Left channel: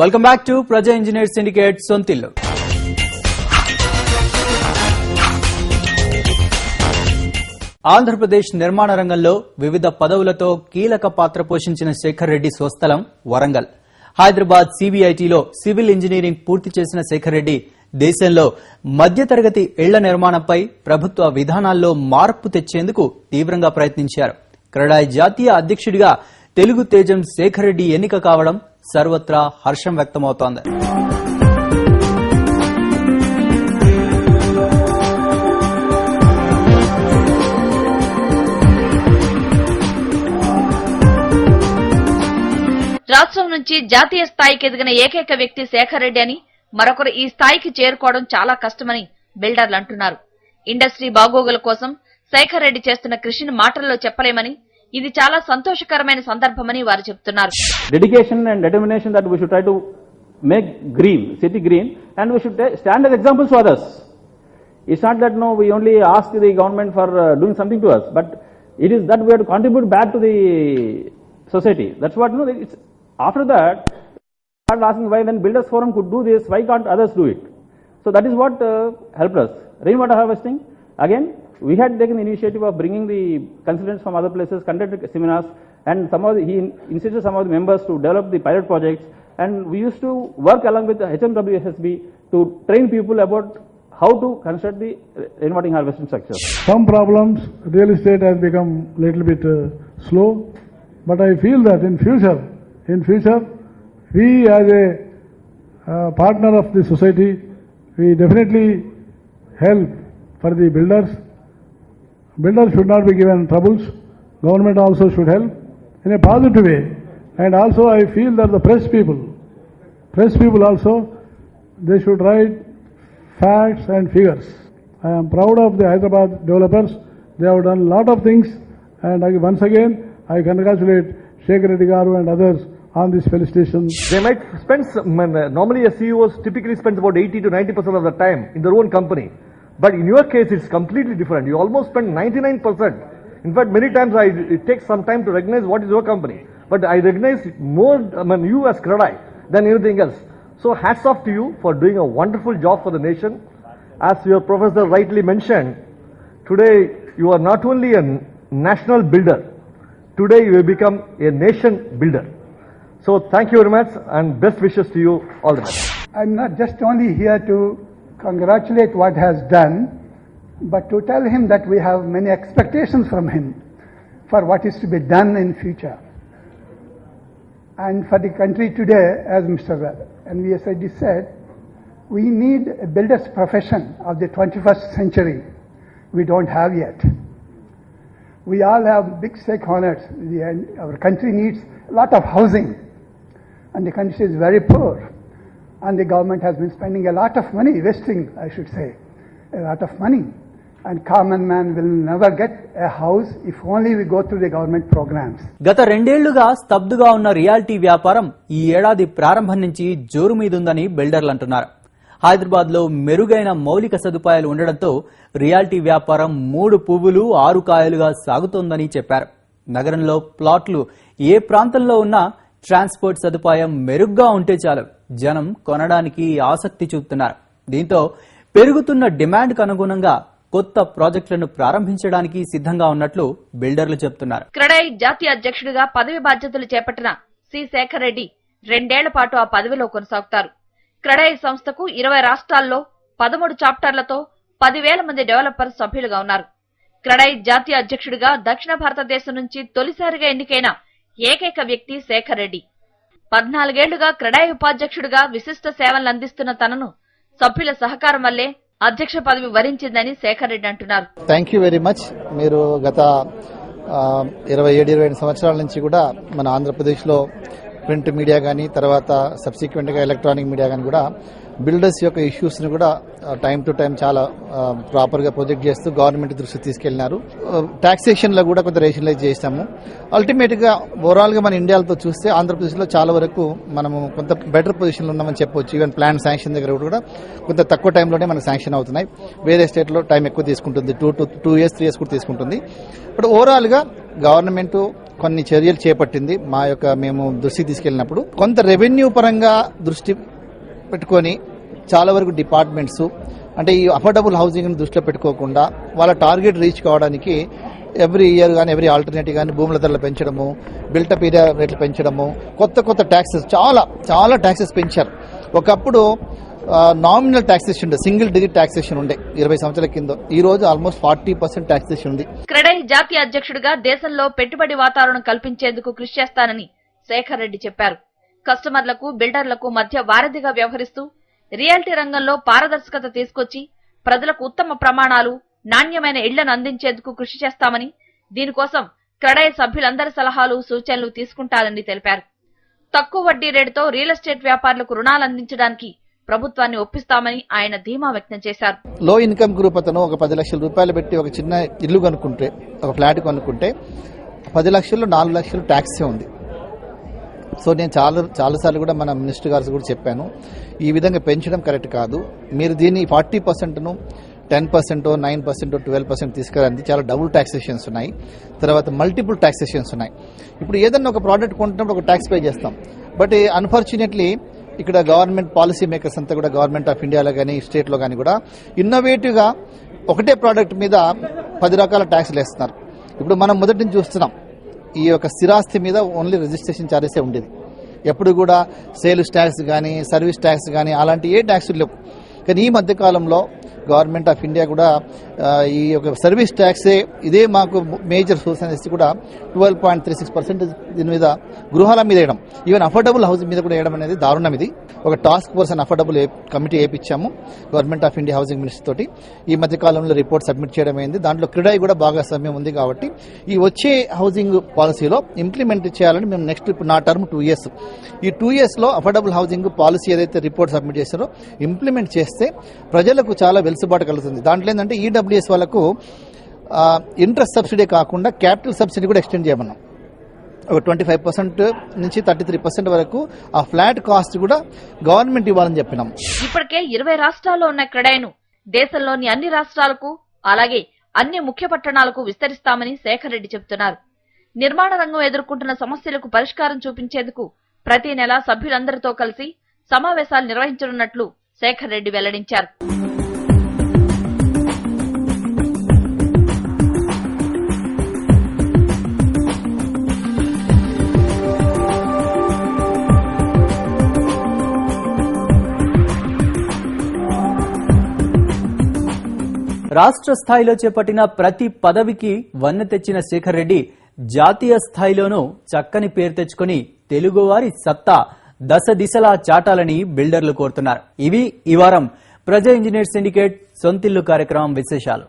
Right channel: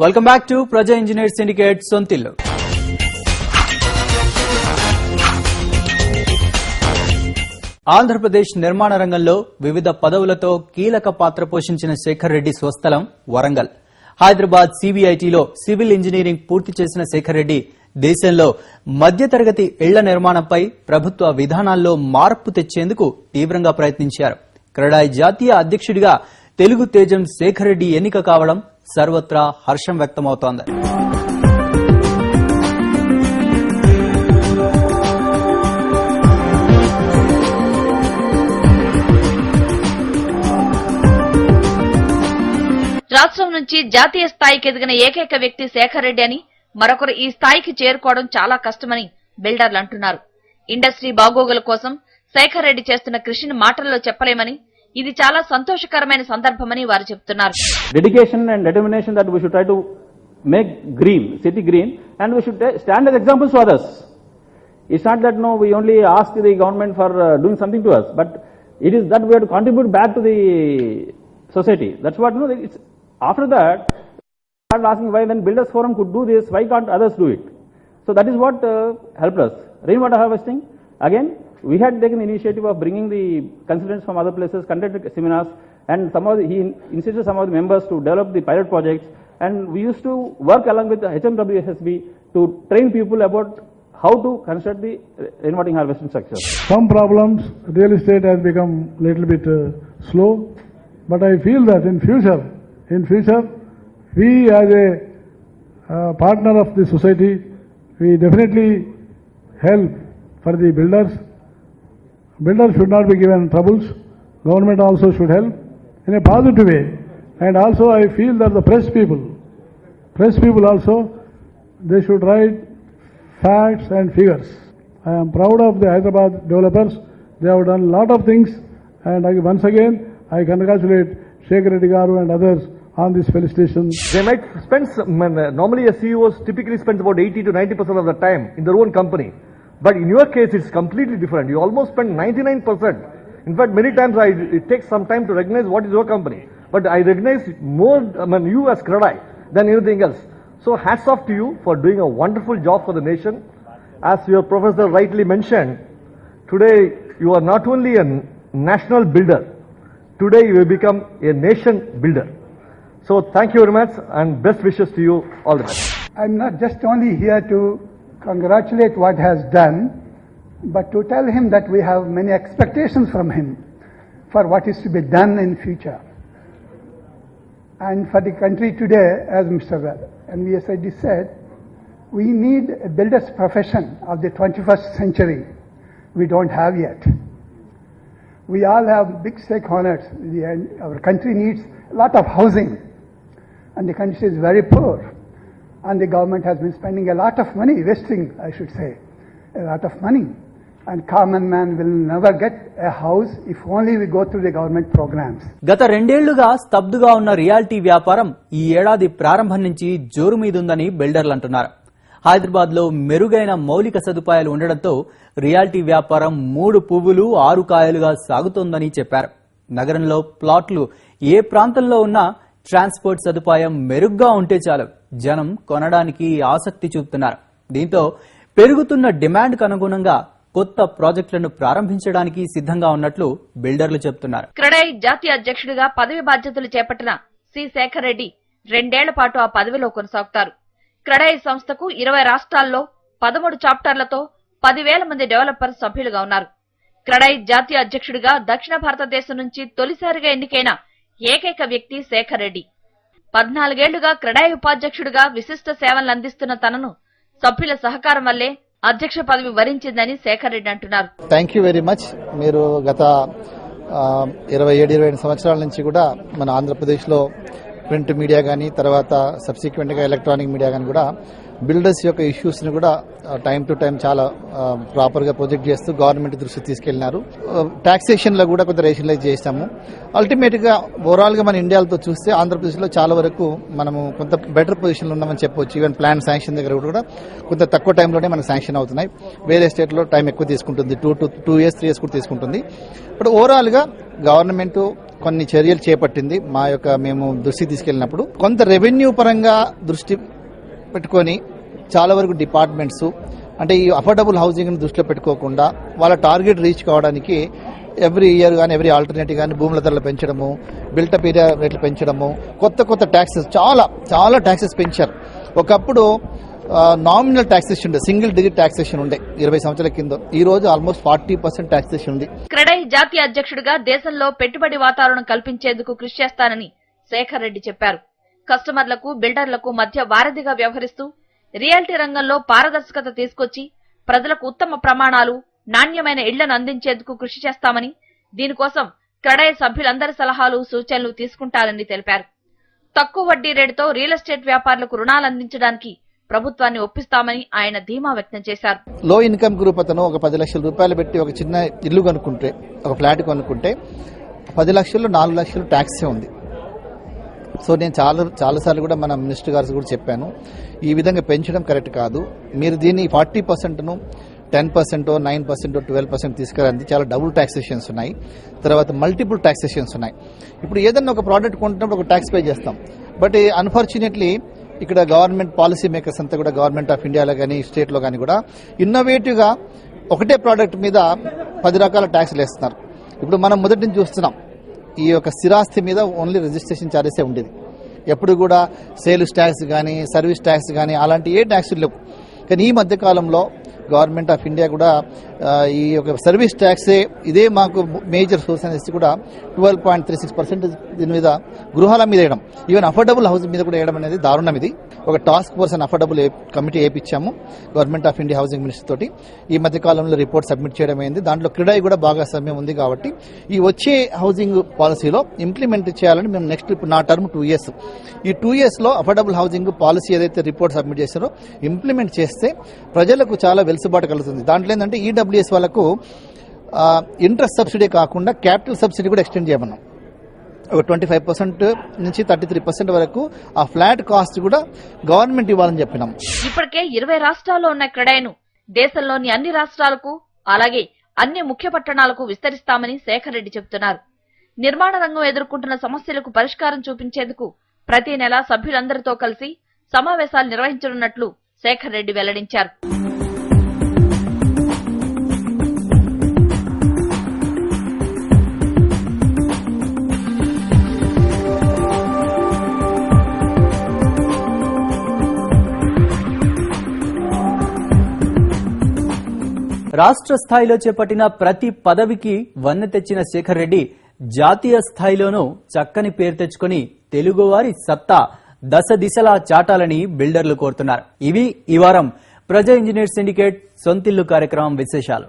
Welcome back to ప్రజా engineer syndicate సొంతిల్లు. Andhra Pradesh నిర్మాణ రంగంలో వివిధ పదవులతో కీలక పాత్ర పోషించిన శేఖర్ రెడ్డి స్వస్థలం వరంగల్. హైదరాబాద్ సిబిఐటిలో సివిల్ ఇంజనీరింగ్ పూర్తి చేసిన శేఖర్ రెడ్డి దేశంలో మధ్యతరగతి ఇళ్ల నిర్మాణంపై ప్రభుత్వ విధానాల్లో మార్పు తెచ్చేందుకు తీవ్రంగా ప్రయత్నించారు. క్రెడాయ్ జాతీయ అధ్యక్షుడిగా తెలుగు తేజం శేఖర్ రెడ్డి ఎన్నిక కావడం సర్వత్రా హర్షం వ్యక్తమవుతోంది. రాష్ట్రం నుంచి జాతీయ స్థాయికి ఎదిగిన ఏకైక వ్యక్తి శేఖర్ రెడ్డి అని, మరొకరు ఈ స్థాయికి చేరుకోవడం చాలా కష్టమని బిల్డర్లు అంటున్నారు. ఇండస్ట్రీ బాగోగుల కోసం శేఖర్ రెడ్డి చేస్తున్న కృషిని మాటల్లో చెప్పలేమని, ఇది చాలా సంతోషకరమైన సందర్భమని వారు చెబుతున్నారు. Dedication and determination that we should try to make green city green and we should stand as examples for us. It's not that no we only ask the government for doing something to us, but it is that we have to contribute back to the society. That's what no. It's, after that, start asking why then Builders Forum could do this, why can't others do it? So that is what helped us. Rainwater harvesting, again, we had taken initiative of bringing the consultants from other places, conducted seminars, and he insisted some of the members to develop the pilot projects, and we used to work along with the HMWSSB to train people about how to construct the rainwater harvesting structure. Some problems, real estate has become a little bit slow, but I feel that in future, we as a partner of the society, we definitely help for the builders. Builders should not be given troubles. Government also should help in a positive way. And also I feel that the press people also, they should write facts and figures. I am proud of the Hyderabad developers. They have done a lot of things, and once again I congratulate Shekhar Reddy Garu and others on this felicitation. They might spend, normally a CEO typically spends about 80 to 90% of the time in their own company. But in your case, it's completely different. You almost spend 99%. In fact, many times it takes some time to recognize what is your company. But I recognize more you as Credai than anything else. So hats off to you for doing a wonderful job for the nation. As your professor rightly mentioned, today you are not only a national builder, today you will become a nation builder. So thank you very much and best wishes to you all the best. I'm not just only here to congratulate what has done, but to tell him that we have many expectations from him for what is to be done in future. And for the country today, as Mr. NVS Reddy said, we need a builder's profession of the 21st century. We don't have yet. We all have big stakeholders. Our country needs a lot of housing, and the country is very poor. And the government has been spending a lot of money, wasting, I should say, a lot of money. And common man will never get a house if only we go through the government programs. గత 2 ఏళ్లుగా స్తబ్దుగా ఉన్న reality వ్యాపారం ఈ ఏడాది ప్రారంభం నుంచి జోరు మీదుందని బిల్డర్లు అంటున్నారు. హైదరాబాద్ లో మెరుగైన మౌలిక సదుపాయాలు ఉండడంతో రియాలిటీ వ్యాపారం 3 పువ్వులు 6 కాయలుగా సాగుతోందని చెప్పారు. నగరంలో ప్లాట్లు ఏ ప్రాంతంలో ఉన్నా ట్రాన్స్పోర్ట్ సదుపాయం మెరుగ్గా ఉంటే చాలు జనం కొనడానికి ఆసక్తి చూపుతున్నారు. దీంతో పెరుగుతున్న డిమాండ్కు అనుగుణంగా కొత్త ప్రాజెక్టులను ప్రారంభించడానికి సిద్ధంగా ఉన్నట్లు బిల్డర్లు చెబుతున్నారు. క్రెడాయ్ జాతీయ అధ్యక్షుడిగా పదవి బాధ్యతలు చేపట్టిన సి శేఖర్ రెడ్డి 2 ఏళ్ల పాటు ఆ పదవిలో కొనసాగుతారు. క్రెడాయ్ సంస్థకు 20 రాష్ట్రాల్లో 13 చాప్టర్లతో 10,000 మంది డెవలపర్స్ సభ్యులుగా ఉన్నారు. క్రెడాయ్ జాతీయ అధ్యక్షుడిగా దక్షిణ భారతదేశం నుంచి తొలిసారిగా ఎన్నికైన ఏకైక వ్యక్తి శేఖర్ రెడ్డి. 14 ఏళ్లుగా క్రెడాయ్ ఉపాధ్యక్షుడిగా విశిష్ట సేవలు అందిస్తున్న తనను సభ్యుల సహకారం వల్లే అధ్యక్ష పదవి వరించిందని శేఖర్ రెడ్డి అంటున్నారు. Thank you very much. మీరు గత 27-28 సంవత్సరాల నుంచి కూడా మన ఆంధ్రప్రదేశ్ లో ప్రింట్ మీడియా గానీ, తర్వాత సబ్సిక్వెంట్ గా ఎలక్ట్రానిక్ మీడియా గానీ కూడా బిల్డర్స్ యొక్క ఇష్యూస్ ని కూడా టైం టు టైం చాలా ప్రాపర్ గా ప్రొజెక్ట్ చేస్తూ గవర్నమెంట్ దృష్టికి తీసుకెళ్లినారు. టాక్సేషన్ లో కూడా కొంత రేషనలైజ్ చేశాము. అల్టిమేట్ గా ఓవరాల్ గా మన ఇండియాతో చూస్తే ఆంధ్రప్రదేశ్ లో చాలా వరకు మనము కొంత బెటర్ పొజిషన్ లో ఉన్నామని చెప్పొచ్చు. ఈవెన్ ప్లాన్ శాంక్షన్ దగ్గర కూడా కొంత తక్కువ టైంలోనే మనకు శాంక్షన్ అవుతున్నాయి. వేరే స్టేట్ లో టైం ఎక్కువ తీసుకుంటుంది, 2 years 3 years కూడా తీసుకుంటుంది. ఇప్పుడు ఓవరాల్ గా గవర్నమెంట్ కొన్ని చర్యలు చేపట్టింది. మేము దృష్టికి తీసుకెళ్లినప్పుడు కొంత రెవెన్యూ పరంగా దృష్టి పెట్టుకొని చాలా వరకు డిపార్ట్మెంట్స్ అంటే ఈ అఫోర్డబుల్ హౌసింగ్ దృష్టిలో పెట్టుకోకుండా వాళ్ళ టార్గెట్ రీచ్ కావడానికి ఎవ్రీ ఇయర్ కానీ ఎవ్రీ ఆల్టర్నేటివ్ కానీ భూముల ధరలు పెంచడము, బిల్టప్ ఏరియా రేట్లు పెంచడము, కొత్త ట్యాక్సెస్ చాలా ట్యాక్సెస్ పెంచారు. ఒకప్పుడు నామినల్ టాక్సేషన్ ఉండే, సింగిల్ డిజిట్ టాక్సేషన్ ఉండే 20 సంవత్సరాల కింద. ఈ రోజు ఆల్మోస్ట్ 40% టాక్సేషన్ ఉంది. క్రెడై జాతీయ అధ్యక్షుడిగా దేశంలో పెట్టుబడి వాతావరణం కల్పించేందుకు కృషి చేస్తానని శేఖర్ రెడ్డి చెప్పారు. కస్టమర్లకు, బిల్డర్లకు మధ్య వారధిగా వ్యవహరిస్తూ రియాలిటీ రంగంలో పారదర్శకత తీసుకొచ్చి ప్రజలకు ఉత్తమ ప్రమాణాలు, నాణ్యమైన ఇళ్లను అందించేందుకు కృషి చేస్తామని, దీనికోసం క్రెడై సభ్యులందరి సలహాలు, సూచనలు తీసుకుంటారని తెలిపారు. తక్కువ వడ్డీ రేటుతో రియల్ ఎస్టేట్ వ్యాపారులకు రుణాలు అందించడానికి ప్రభుత్వాన్ని ఒప్పిస్తామని ఆయన ధీమా వ్యక్తం చేశారు. లో ఇన్కమ్ గ్రూప్ అతను ఒక 10 లక్షల రూపాయలు పెట్టి ఒక చిన్న ఇల్లు కొనుక్కుంటే, ఒక ఫ్లాట్ కొనుక్కుంటే 10 లక్షలు 4 లక్షలు ట్యాక్స్ ఉంది. సో నేను చాలాసార్లు కూడా మన మినిస్టర్ గారు కూడా చెప్పాను, ఈ విధంగా పెంచడం కరెక్ట్ కాదు. మీరు దీన్ని 40%ను 10%, 9%, 12% తీసుకురండి. చాలా డబుల్ టాక్సేషన్స్ ఉన్నాయి, తర్వాత మల్టిపుల్ టాక్సేషన్స్ ఉన్నాయి. ఇప్పుడు ఏదైనా ఒక ప్రోడక్ట్ కొంటున్నప్పుడు ఒక ట్యాక్స్ పే చేస్తాం. బట్ అన్ఫార్చునేట్లీ ఇక్కడ గవర్నమెంట్ పాలసీ మేకర్స్ అంతా కూడా గవర్నమెంట్ ఆఫ్ ఇండియాలో కానీ స్టేట్ లో కానీ కూడా ఇన్నోవేటివ్ గా ఒకటే ప్రోడక్ట్ మీద 10 రకాల ట్యాక్స్లు వేస్తున్నారు. ఇప్పుడు మనం మొదటి నుంచి చూస్తున్నాం, ఈ యొక్క స్థిరాస్తి మీద ఓన్లీ రిజిస్ట్రేషన్ ఛార్జెస్ ఉండేది. ఎప్పుడు కూడా సేల్స్ ట్యాక్స్ కానీ, సర్వీస్ ట్యాక్స్ కానీ అలాంటి ఏ ట్యాక్స్ లేవు. కానీ ఈ మధ్య కాలంలో గవర్నమెంట్ ఆఫ్ ఇండియా కూడా ఈ యొక్క సర్వీస్ ట్యాక్సే ఇదే మాకు మేజర్ సోర్స్ అనేసి కూడా 12.36% దీని మీద గృహాల మీద వేయడం, ఈవెన్ అఫోర్డబుల్ హౌసింగ్ మీద కూడా వేయడం అనేది దారుణం. ఇది ఒక task force and affordable committee వేయించాము government of India housing minister తోటి. ఈ మధ్య కాలంలో రిపోర్ట్ సబ్మిట్ చేయడం అయింది. దాంట్లో క్రెడై కూడా బాగా సమయం ఉంది కాబట్టి ఈ వచ్చే హౌసింగ్ పాలసీలో ఇంప్లిమెంట్ చేయాలని మేము నెక్స్ట్ ఇప్పుడు నా టర్మ్ 2 years, ఈ 2 years లో అఫోర్డబుల్ హౌసింగ్ పాలసీ ఏదైతే రిపోర్ట్ సబ్మిట్ చేశారో ఇంప్లిమెంట్ చేస్తే ప్రజలకు చాలా వెలుసుబాటు కలుగుతుంది. దాంట్లో ఏంటంటే ఈడబ్ల్యూఎస్ వాళ్ళకు ఇంట్రెస్ట్ సబ్సిడీ కాకుండా క్యాపిటల్ సబ్సిడీ కూడా ఎక్స్టెండ్ చేయమన్నాం. 25% నుంచి 33% వరకు ఆ ఫ్లాట్ కాస్ట్ కూడా గవర్నమెంట్ ఇవ్వాలని చెప్పినాం. ఇప్పటికే 20 రాష్ట్రాల్లో ఉన్న క్రెడైను దేశంలోని అన్ని రాష్ట్రాలకు, అలాగే అన్ని ముఖ్య పట్టణాలకు విస్తరిస్తామని శేఖర్ రెడ్డి చెబుతున్నారు. నిర్మాణ రంగం ఎదుర్కొంటున్న సమస్యలకు పరిష్కారం చూపించేందుకు ప్రతి నెల సభ్యులందరితో కలిసి సమావేశాలు నిర్వహించనున్నట్లు శేఖర్ రెడ్డి వెల్లడించారు. రాష్ట్ర స్థాయిలో చేపట్టిన ప్రతి పదవికి వన్నె తెచ్చిన శేఖర్ రెడ్డి జాతీయ స్థాయిలోనూ చక్కని పేరు తెచ్చుకుని తెలుగువారి సత్తా దశ దిశలా చాటాలని బిల్డర్లు కోరుతున్నారు. ఇవి ఈ వారం ప్రజా ఇంజనీర్ సిండికేట్ సొంతిల్లు కార్యక్రమం విశేషాలు.